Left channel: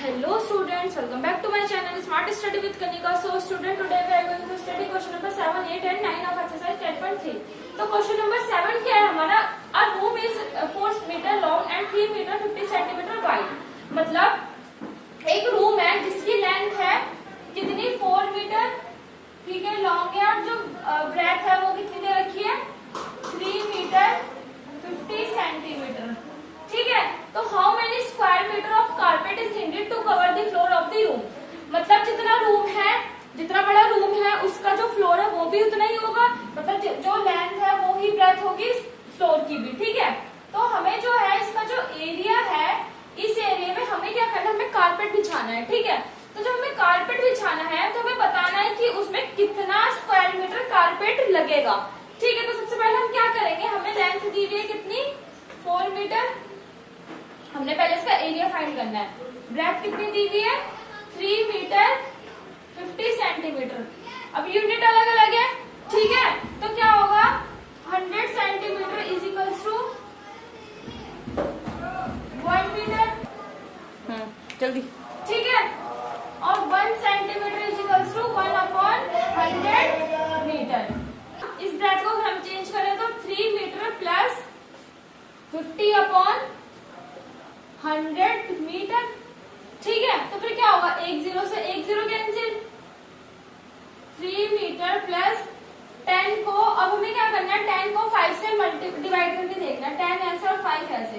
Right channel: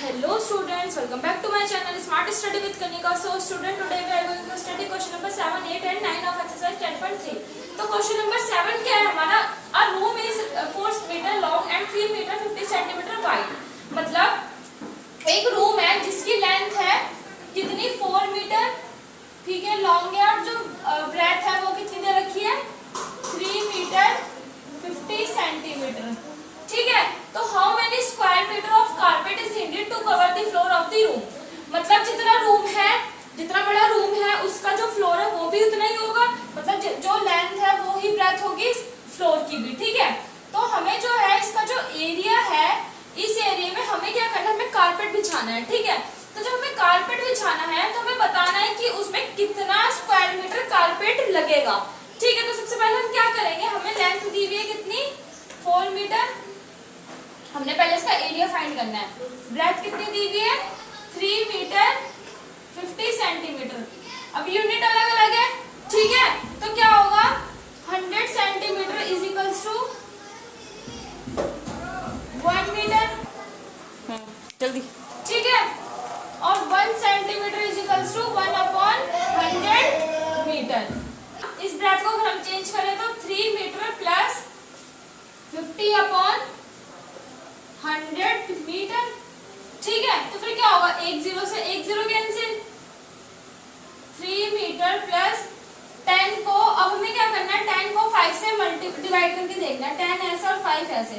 Hello students, welcome back to my channel Smart Study with Kanika. So student, today we are going to study question number 7, 8 and 9 of exercise 10.3. तो question number 7 क्या है हमारा? A room is 4 meter long and 3 meter 50 centimeter wide. मतलब एक room है जिसकी length है कितनी 4 मीटर, ठीक है, लॉन्ग है, और जो ब्रेथ है वो कितनी दे रखी है 3 मीटर 50 सेंटीमीटर, ठीक है। तो how many square metre of carpet is needed to cover the floor of the room. मतलब जितना रूम है, जितना बड़ा रूम है उसका जो फ्लोर है वो भी उतना ही होगा, मतलब जो लेंथ है वो ही ब्रेथ होगी फ्लोर की भी, ठीक है। तो हमें जो है इसका जो एरिया है, इस एरिया में हमें क्या करना है, हमें कारपेट बिछाना है, ठीक है। तो जब हमें कारपेट बिछाना है तो हमें बताना है कि उसमें कितना स्क्वायर मीटर कारपेट लगेगा, ठीक है। तो सबसे पहले हम क्या करेंगे, हमें लेंथ दी हुई है कितनी 4 मीटर, हमने पहले इसका एरिया फाइंड करना है। ब्रेथ कितनी दी हुई है 3 मीटर 50 सेंटीमीटर। अब यूनिट अलग अलग है, ठीक है। तो क्या होगा 100 centimetre is equals to 1 metre, जल्दी, ठीक है। और 1 centimetre is equals to 1/100 metre. इस ब्रेथ को हम चेंज करें तो 3 मीटर प्लस 50/100 मीटर, ठीक है। तो फिर क्या होगा, एक जीरो से एक जीरो कैंसिल, 3 मीटर प्लस 10 को, अब हमें क्या करना है 10 को 5 से डिवाइड करके देखना है, 10 ऐसे और 5 ऐसे।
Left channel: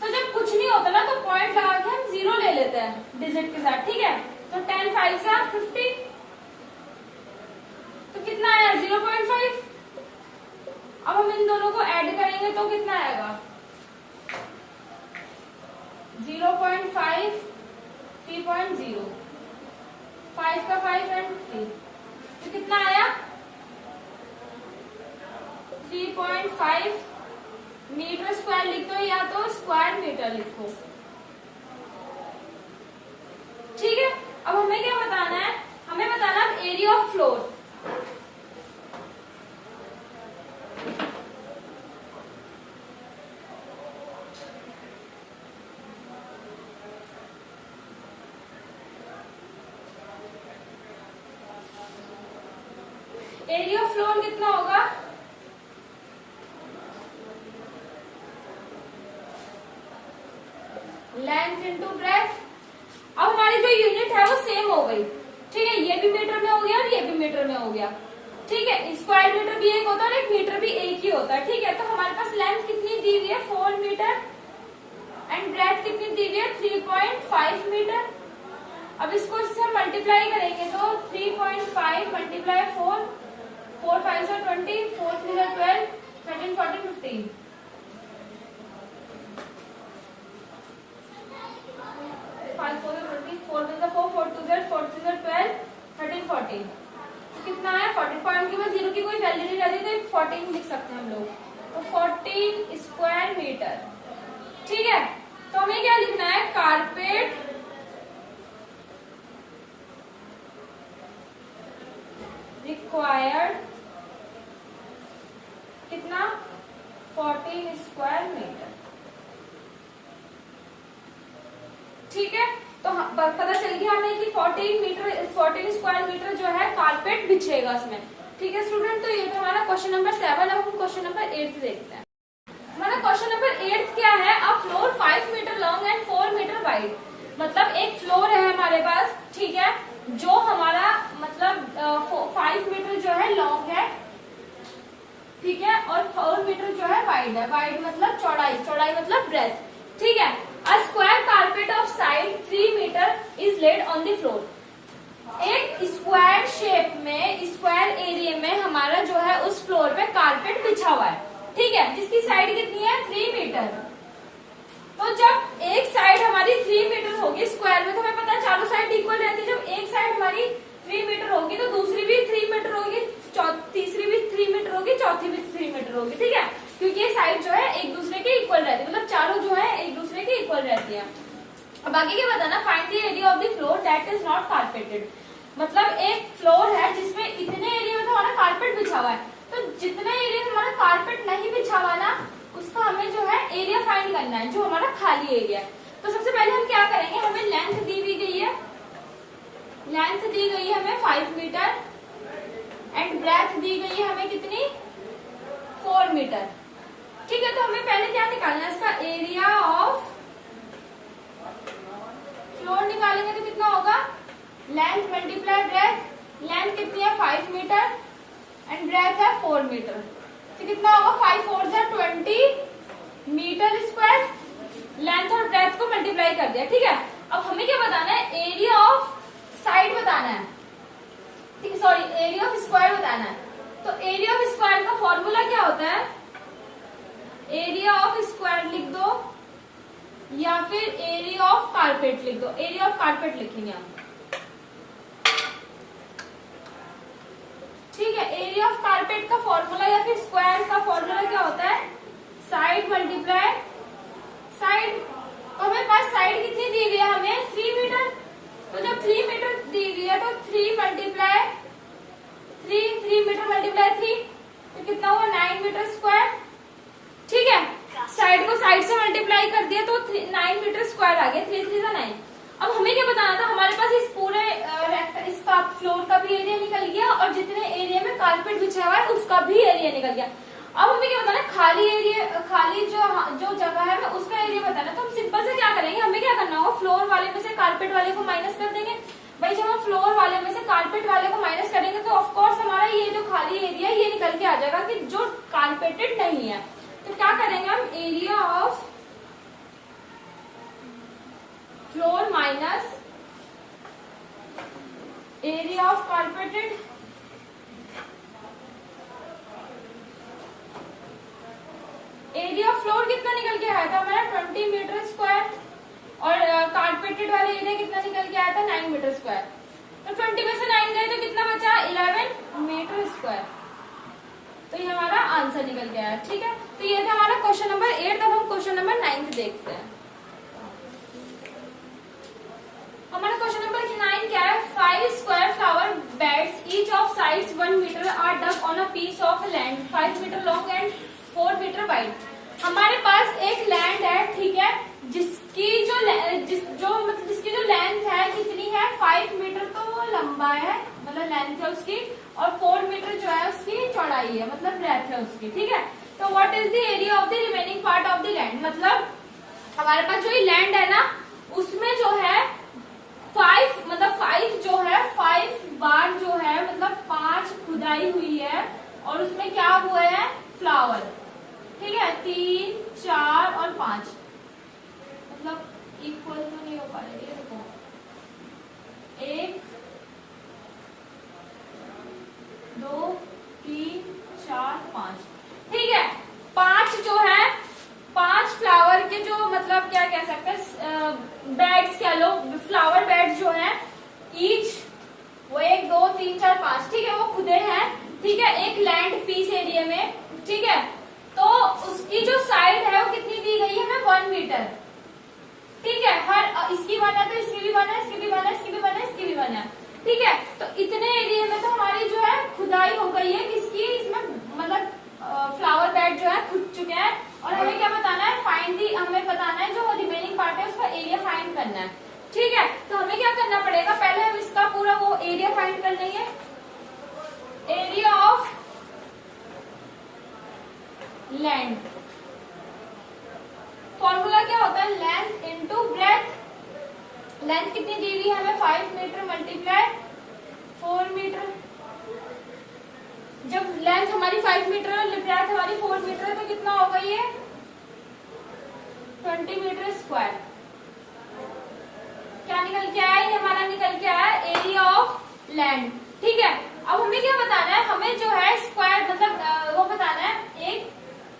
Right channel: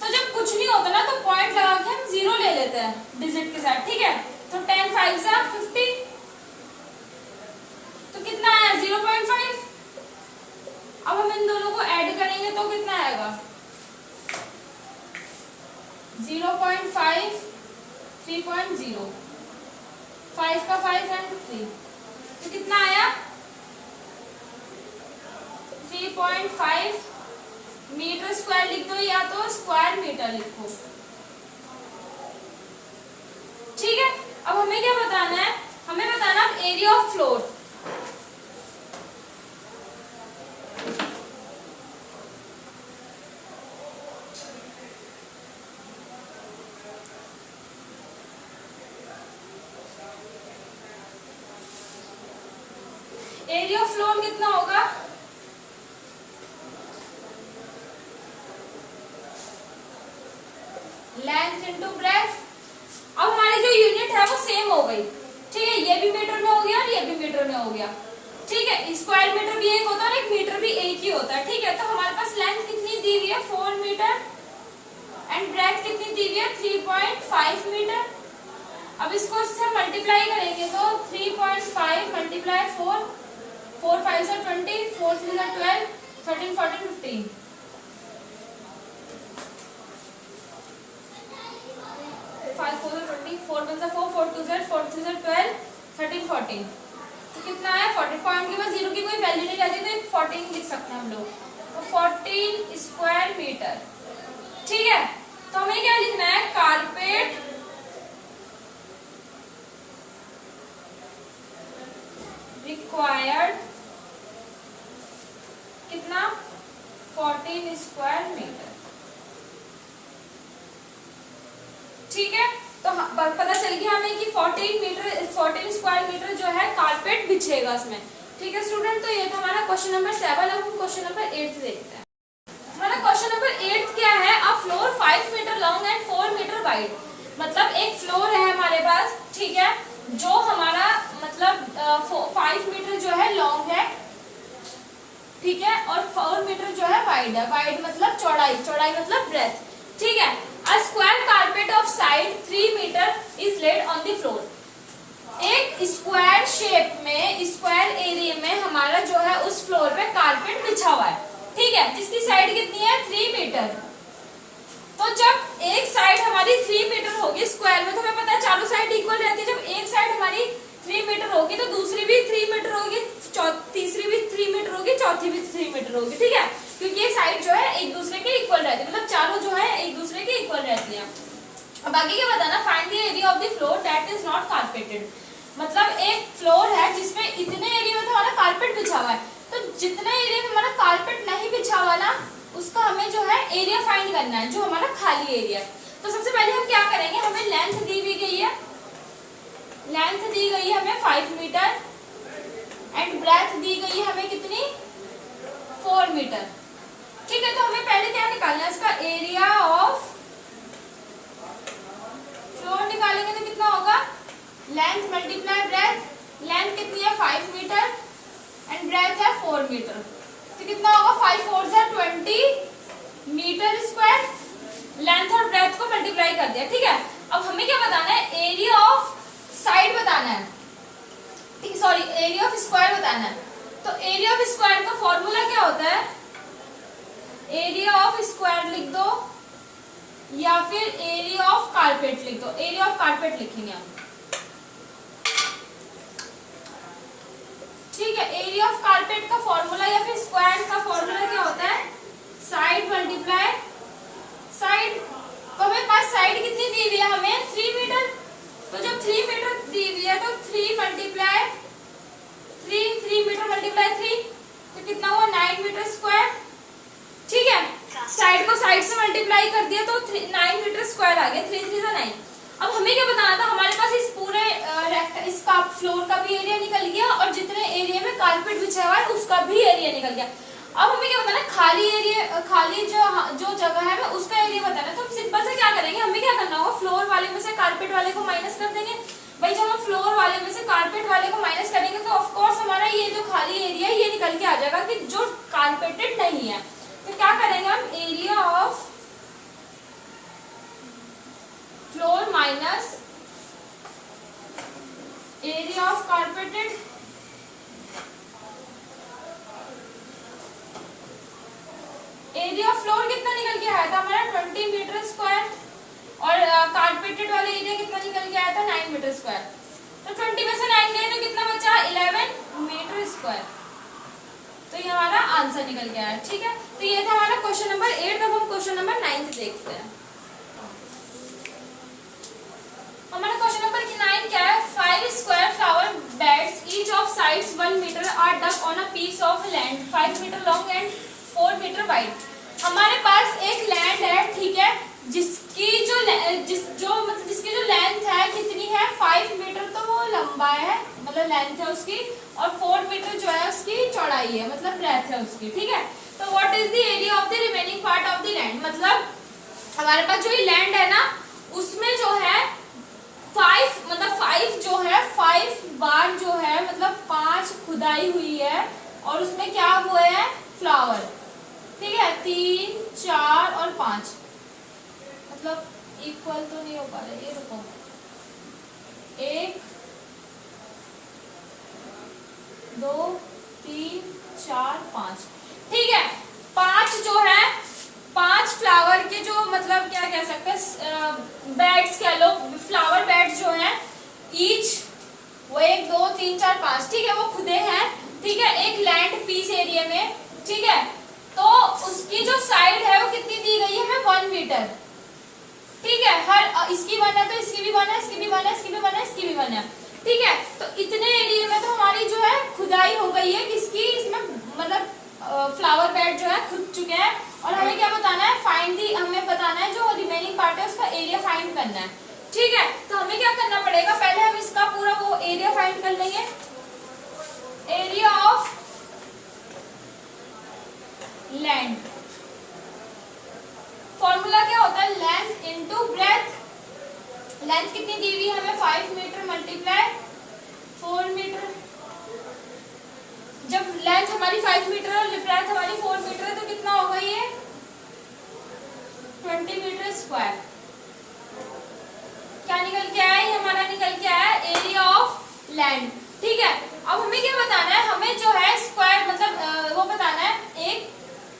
तो जब कुछ नहीं होता ना तो पॉइंट लगा के हम जीरो ले लेते हैं डिजिट के साथ, ठीक है। तो 10 5 से 50, तो कितना आया 0.5। अब हम इन दोनों को ऐड करेंगे तो कितना आएगा 0.5 3.0, 5 का 5 एंड 3, तो कितना आया 3.5 मीटर स्क्वायर लिख दो या तो स्क्वायर मीटर लिखो, ठीक है। अब हमें क्या बताना है, हमें बताना है area of floor. Area of floor कितना होगा, लेंथ इनटू ब्रेथ। अब हमारी जो यूनिट है वो सेम हो गई, ठीक है। ये भी मीटर में हो गया और ये भी मीटर में हो गया, ठीक है। स्क्वायर मीटर भी एक होता है और एक मीटर भी एक ही होता है, ठीक है। तो हमारे पास लेंथ कितनी दी हुई है 4 मीटर एंड ब्रेथ कितनी दी हुई है 3.5 मीटर। अब इसको इससे मल्टीप्लाई करेंगे तो 3.5 मल्टीप्लाई 4, 4 5 से 20, 4 3 से 12, 13 14 15, 5 4 से 20, 4 1 से 4, 4 2 से 4 3 से 12, 13 14, तो कितना है 40 पॉइंट के बाद जीरो की कोई वैल्यू नहीं रहती तो 14 लिख सकते हैं हम लोग, तो 14 स्क्वायर मीटर, ठीक है। तो हमें क्या लिखना है, कारपेट रिक्वायर्ड कितना 14 स्क्वायर मीटर, ठीक है। तो पता चल गया हमें कि 14 स्क्वायर मीटर जो है कारपेट बिछेगा इसमें, ठीक है स्टूडेंट। तो ये तो हमारा क्वेश्चन नंबर 7 है। हम क्वेश्चन नंबर 8 देखते हैं। हमारा क्वेश्चन नंबर 8 क्या है, a floor 5 metre long and 4 metre wide. मतलब एक फ्लोर है हमारे पास, ठीक है, जो हमारा मतलब 5 मीटर जो है लॉन्ग है, ठीक है, और 4 मीटर जो है वाइड है। वाइड मतलब चौड़ाई, चौड़ाई मतलब ब्रेथ, ठीक है। A square carpet of side 3 metre is laid on the floor. एक स्क्वायर शेप में, स्क्वायर एरिया में हमारा जो है उस फ्लोर पे कारपेट बिछा हुआ है, ठीक है, जिसकी साइड कितनी है 3 मीटर। तो जब एक साइड हमारी 3 मीटर होगी स्क्वायर में, तो हमें पता है चारों साइड इक्वल रहती है। जब एक साइड हमारी 3 मीटर होगी तो दूसरी भी 3 मीटर होगी, तीसरी भी 3 मीटर होगी, चौथी भी 3 मीटर होगी, ठीक है, क्योंकि ये साइड जो है एक दूसरे के इक्वल रहती है, मतलब चारों जो है एक दूसरे के इक्वल रहती है। अब बाकी क्या बताना, find the area of the floor that is not carpeted. मतलब एक फ्लोर है जिसमें इतने एरिया में तो हमारा कारपेट बिछा हुआ है, तो जितने एरिया में हमारा कारपेट नहीं बिछा हुआ ना उसका हमें जो है एरिया फाइंड करना है, जो हमारा खाली एरिया है। तो सबसे पहले हम क्या करेंगे, हमें लेंथ दी हुई दी गई है हमें 5 मीटर एंड ब्रेथ दी गई है हमें कितनी 4 मीटर। ठीक है, तो हमें पहले क्या निकालना है, इसका एरिया ऑफ फ्लोर निकालेंगे तो कितना होगा, लेंथ मल्टीप्लाई ब्रेथ, लेंथ कितनी है 5 मीटर एंड ब्रेथ है 4 मीटर, तो कितना होगा 5 4 से 20 मीटर स्क्वायर, लेंथ और ब्रेथ को मल्टीप्लाई कर दिया। ठीक है, अब हमें क्या बताना है, एरिया ऑफ साइड बताना है, ठीक, सॉरी एरिया ऑफ स्क्वायर बताना है। तो एरिया ऑफ स्क्वायर का फॉर्मूला क्या होता है, एरिया ऑफ स्क्वायर लिख दो या फिर एरिया ऑफ कारपेट लिख दो, एरिया ऑफ कारपेट लिखेंगे हम। ठीक है, एरिया ऑफ कारपेट का फॉर्मूला या फिर स्क्वायर का फॉर्मूला क्या होता है, साइड मल्टीप्लाई साइड। तो हमें पास साइड कितनी दी हुई है हमें 3 मीटर, तो जब 3 मीटर दी हुई है तो 3 मल्टीप्लाई 3 मीटर मल्टीप्लाई 3, तो कितना हुआ 9 मीटर स्क्वायर। ठीक है, साइड को साइड से मल्टीप्लाई कर दिया तो 9 मीटर स्क्वायर आ गया, 3 3 9। अब हमें क्या बताना था, हमारे पास इस पूरे इसका फ्लोर का भी एरिया निकल गया और जितने एरिया में कारपेट बिछा हुआ है उसका भी एरिया निकल गया। अब हमें क्या बताना है, खाली एरिया, खाली जो जगह है हमें उसका एरिया बताना है। तो हम सिंपल से क्या करेंगे, हमें क्या करना होगा, फ्लोर वाले में से कारपेट वाले को माइनस कर देंगे। भाई जब हम फ्लोर वाले में से कारपेट वाले को माइनस करेंगे तो ऑफ कोर्स हमारा ये जो खाली एरिया है ये निकल के आ जाएगा कि जो कारपेटेड नहीं है। तो क्या करेंगे हम, area of floor minus area of carpeted, area of floor कितना निकल के आया था हमारा 20 मीटर स्क्वायर और कारपेटेड वाले एरिया कितना निकल के आया था 9 मीटर स्क्वायर। तो 20 में से 9 गए तो कितना बचा 11 मीटर स्क्वायर। तो ये हमारा आंसर निकल गया है। ठीक है, तो ये था हमारा क्वेश्चन नंबर 8। अब हम क्वेश्चन नंबर 9 देखते हैं। हमारा क्वेश्चन नंबर 9 क्या है, 5 square flower beds each of sides 1 metre are dug on a piece of land 5 metre long and 4 metre wide. हमारे पास एक लैंड है, ठीक है, जिसकी जो लेंथ है कितनी है 5 मीटर, तो वो लंबा है मतलब लेंथ है उसकी, और 4 मीटर जो है उसकी चौड़ाई है मतलब ब्रेथ है उसकी। ठीक है, तो what is the area of the remaining part of the land, मतलब हमारे पास जो ये लैंड है ना उसमें जो है 5 जो है 5 बार जो है मतलब 5 खुदाई हुई है और उसमें क्या हुए हैं फ्लावर। ठीक है, 3 4 और 5 मतलब इक्वल तो नहीं हो पा रहा, ये रुको, 1 2 3 4 5। ठीक है, 5 जो है 5 फ्लावर के जो मतलब क्या कह सकते हैं बेड्स कह लो, फ्लावर बेड्स जो है ईच वो 1 2 3 4 5, ठीक है, वो खुदे हैं। ठीक है, एक लैंड पीस एरिया में। ठीक है, तो उसकी जो साइड है वो कितनी दी गई है हमें 1 मीटर। ठीक है, हर इसकी 1 है तो इसकी भी 1 है, इसकी भी 1 है, इसकी भी 1 है, इसकी भी 1 है। ठीक है, तो इतने एरिया में तो हमारी जो है खुदाई हो गई है किसकी, इसमें मतलब फ्लावर बेड जो है खुद चुके हैं। और हमें क्या बताना है, फाइंड दी, हमें बताना है जो रिमेनिंग पार्ट है उसका एरिया फाइंड करना है। ठीक है, तो हमें क्या करना पड़ेगा, पहले हम इसका पूरा वो एरिया फाइंड कर लेंगे। एरिया ऑफ लैंड, फॉर्मूला क्या होता है, लेंथ इनटू ब्रेथ। लेंथ कितनी दी हुई है हमें 5 मीटर मल्टीप्लाई 4 मीटर। जब लेंथ हमारी 5 मीटर है और ब्रेथ हमारी 4 मीटर है तो कितना होगा ये 20 मीटर स्क्वायर। क्या निकल के आया, ये हमारा निकल के आया एरिया ऑफ लैंड। ठीक है, अब हमें क्या बताना है, हमें जो है स्क्वायर मतलब वो बताना है, एक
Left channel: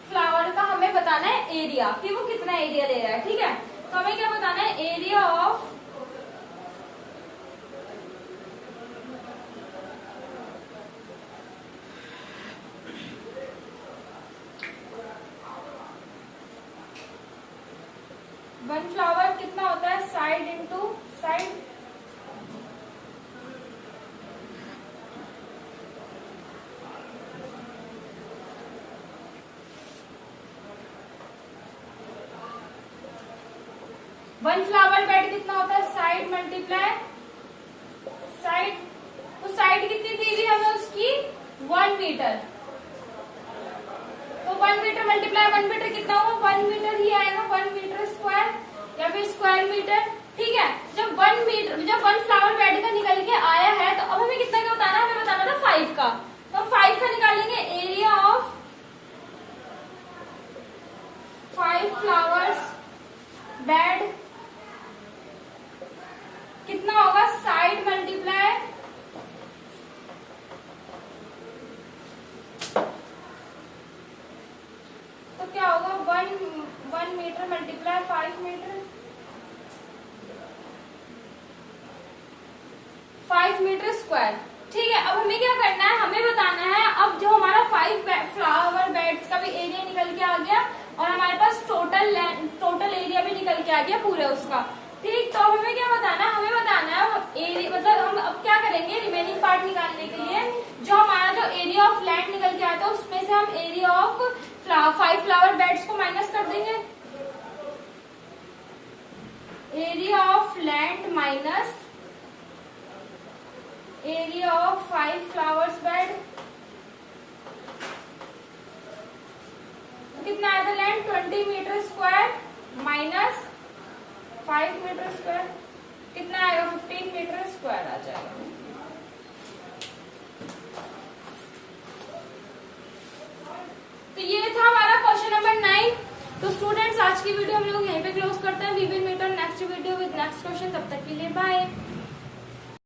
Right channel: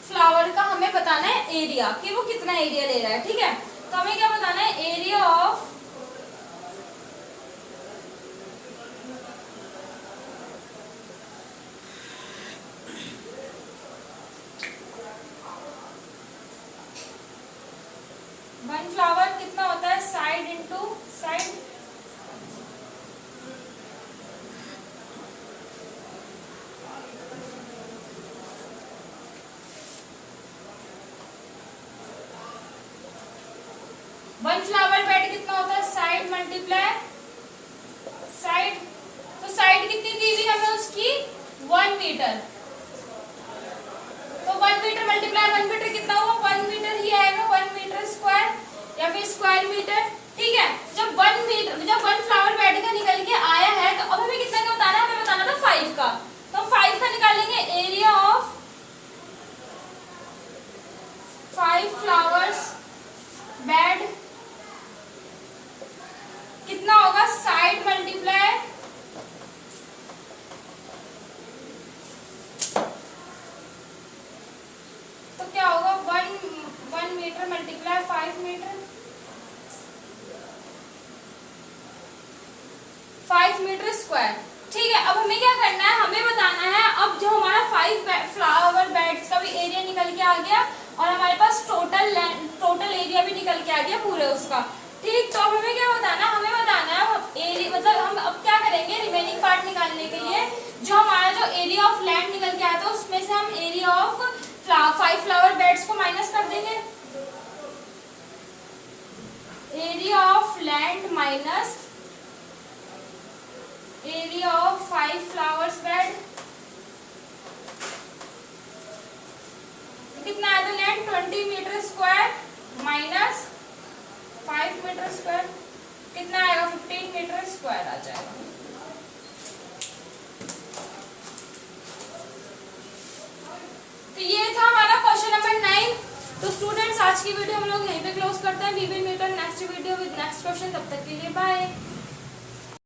फ्लावर का हमें बताना है एरिया कि वो कितना एरिया ले रहा है। ठीक है, तो हमें क्या बताना है, एरिया ऑफ वन फ्लावर कितना होता है, side into side. One flower bed कितना होता है, साइड मल्टीप्लाई साइड। 1 मीटर, तो 1 मीटर मल्टीप्लाई 1 मीटर कितना हुआ, 1 मीटर ही आएगा, 1 मीटर स्क्वायर या फिर स्क्वायर मीटर। ठीक है, जब 1 फ्लावर बेड का निकल के आया है तो अब हमें कितना का बताना है, हमें बताना था 5 का, तो हम 5 का निकालेंगे। एरिया ऑफ 5 फ्लावर्स बेड कितना होगा, साइड मल्टीप्लाई तो क्या होगा, 1 metre multiply 5 metre, 5 metre square. ठीक है, अब हमें क्या करना है, हमें बताना है अब जो हमारा 5 फ्लावर बेड्स का भी एरिया निकल के आ गया और हमारे पास टोटल एरिया भी निकल के आ गया पूरे उसका। ठीक, तो अब हमें क्या बताना है, हमें बताना है एरिया, मतलब हम अब क्या करेंगे, रिमेनिंग पार्ट निकालने के लिए जो हमारा जो एरिया ऑफ लैंड निकल के आया था उसमें से हम एरिया ऑफ 5 फ्लावर बेड्स को माइनस कर देंगे। Area of land minus area of 5 flowers bed, कितना आया था land, 20 metre square minus 5 metre square, कितना आएगा, 15 मीटर स्क्वायर आ जाएगा। तो ये था हमारा क्वेश्चन नंबर 9। तो स्टूडेंट्स आज की वीडियो हम लोग यहीं पे क्लोज करते हैं। We will meet on next video with next question. तब तक के लिए बाय।